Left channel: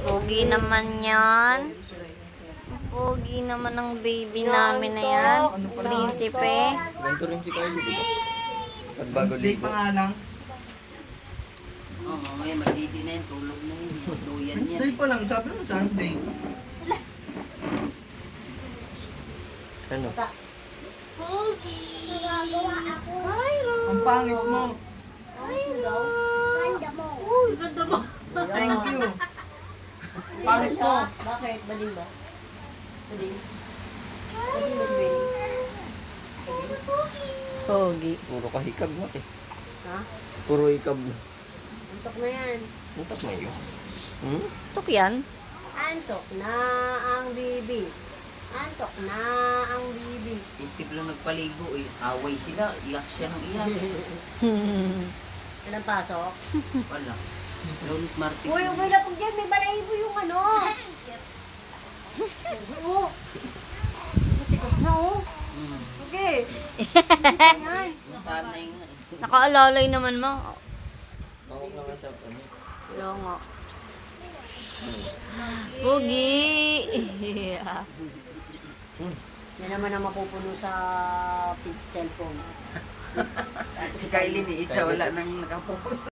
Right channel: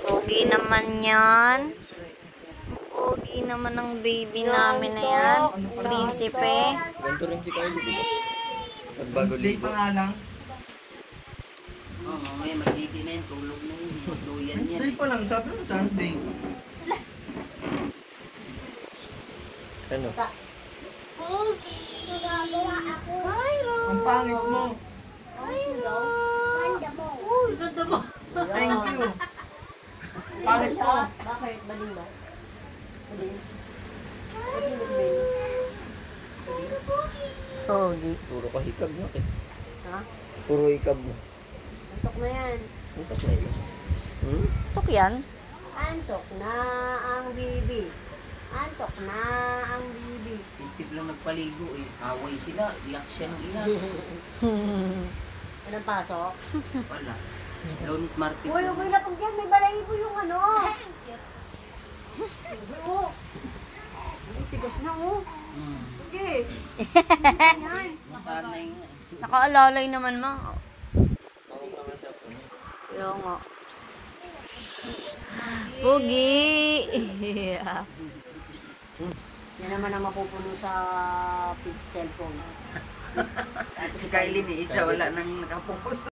Pogi naman yan. Pogi naman ang baby namin na yan. Prinsipe. Ganito rin si Kylie, diba? Wednesday pa nga lang. Oo, mamaya matiti na yun. Tulog na yun. Duyan yan. Wednesday pa lang, sabi mo Sunday. Ano? Ang pangit mo. Thank you. Pangit mo. Bakit? Baling ba? Baling? Baling ba, babe? Pogi. Puro kahikab na eh. Ha? Puro hikab na. Antok na yan. Ito na yun. Hmm? Tok yan. Antok na ang bibi. Antok na ang bibi. Steve lang nagpaligo eh. Away sila. Iyak siya ng iyak. Anong pasok? Wala. Lunes Martes. Uy, uy, lapag dyan. May balahibo yung ano. Oo. Tigas na, oh. Hmm. Sige. Nasanay nga eh. Nakaalalay naman mo. Ako pa nga sa ano. Oo nga. Pogi. Yeah. Yan naman ang mapupuno sa cellphone. Si Kylie ni isa wala nang nakapokus.